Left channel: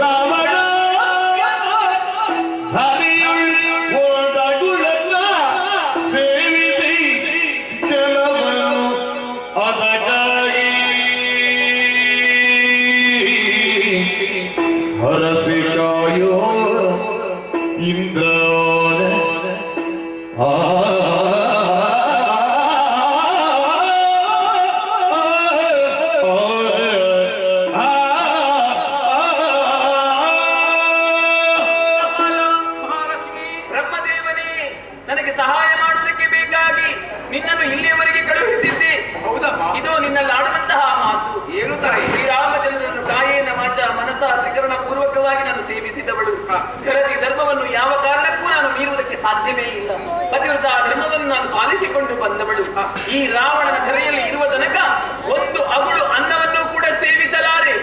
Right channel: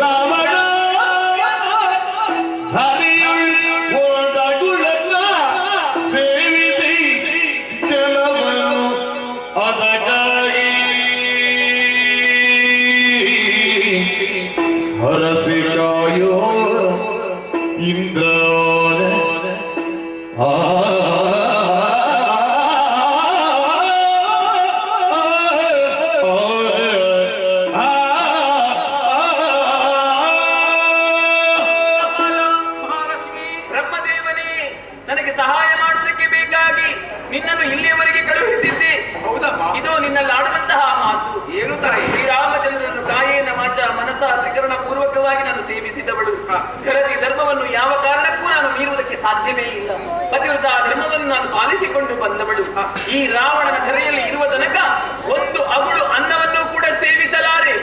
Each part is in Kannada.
ರಾವಣ ಹರಿಯುಳ್ ಓಡಗುಳಕ ಸೇವಿಸಿ ಜಲವನ್ನು ಅದಕ್ಕಾಗಿ ಹರಸಿ ಕಾಯೋ ಇಂದ್ರ ನನಗೆ ಸಹಾಯ ಮಾಡುವುದಕ್ಕೆ ಬೇಕಾಗಿ ನಿನ್ನನ್ನು ಇಲ್ಲಿಯವರೆಗೆ ಕಳುಹಿಸಿದ್ದೆ. ಇದು ನಿನ್ನಲ್ಲಿ ಆಡುವಂತಹ ಮಾತು ಏನು ತಾಯಿ? ಶ್ರೀರಾಮಚಂದ್ರನನ್ನು ಕಾಯೇನ ವಾಚ ಮನಸ ತ್ರಿಕರಣ ಪೂರ್ವಕವಾಗಿ ನಾನು ಸೇವಿಸಿದವಳು. ಧರತಿ ಧರ್ಮವನ್ನು ಯಾವ ಕಾರಣಕ್ಕೂ ನಾನು ಮೀರುವುದಕ್ಕೆ ಸಾಧ್ಯವೇ ಇಲ್ಲ. ಪತಿವ್ರತ ಧರ್ಮವನ್ನು ನಾನು ಪಾಲಿಸಿಕೊಂಡು ಬಂದವಳು. ಈ ರಾವಣನ ಧರೆಯಲ್ಲಿ ಇರುವ ತನಕ ಒಂದು ಅಗುಳು ಅನ್ನವನ್ನು ಕೂಡ ಸೇವಿಸಲಾರೆ,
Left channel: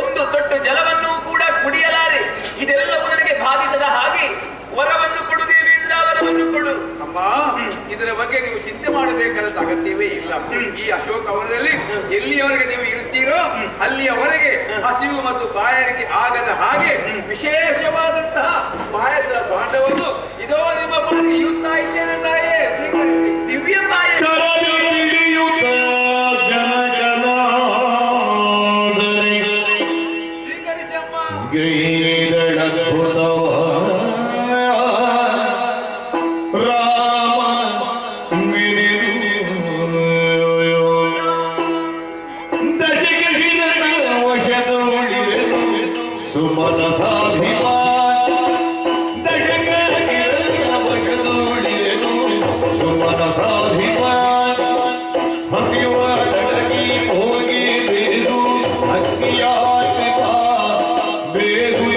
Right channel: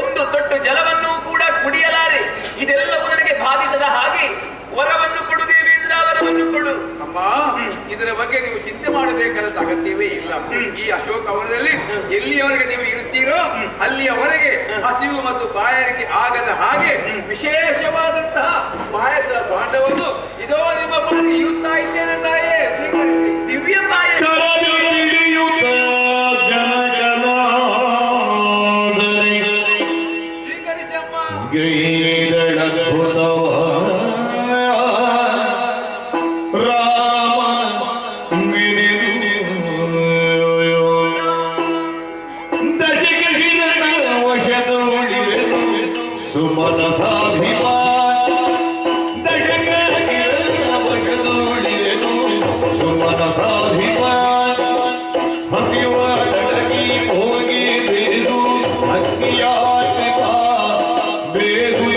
ಒಂದು ತೊಟ್ಟು ಜಲವನ್ನು ಕೂಡ ಕುಡಿಯಲಾರೆ. ಇದೆಲ್ಲವೂ ನನಗೆ ಬಾಧಿಸದ ಹಾಗೆ ವರವನ್ನು ಕೊಡು ದೇವೇಂದ್ರ, ವರವನ್ನು ಕೊಡು. ಅಮ್ಮ, ಇದರ ಬಗ್ಗೆ ನೀವು ಚಿಂತೆ ಮಾಡಬೇಕಾದ ಅಗತ್ಯವೇ ಇಲ್ಲ. ಈ ಅಶೋಕ ವನದಲ್ಲಿ ಎಲ್ಲಿಯವರೆಗೆ ನೀವು ಇರುತ್ತೀರೋ ಅಲ್ಲಿಯವರೆಗೆ ಹಸಿವು ಮತ್ತು ಬಾಯಾರಿಕೆ ಆಗದ ಹಾಗೆ ವಿಶೇಷವಾದಂತಹ ಪಾಯಸ ಭಾಂಡವನ್ನು ಇದೋ ನಿಮ್ಮ ಬಳಿ ಇರುತ್ತಾ ಇದ್ದೇನೆ ತಾಯೇ. ಸ್ವೀಕರಿಸಿ. ದಿವ್ಯ ಪಾಯಸ. ಸ್ವೀಕರಿಸಿ ಅಮ್ಮ. ಸುಮನ ಸಾಧಿವಾನ್ ದಶಕ ವಶದೂಳಿದೆನು ಸುಮನ ಸಾಧಿವಾನ್ ಹಸಿವಾಡಗಿ ಹೋಗಿ ಬೇರು ಅಗ್ನಿಯಾತ್ಮ ಬೇರು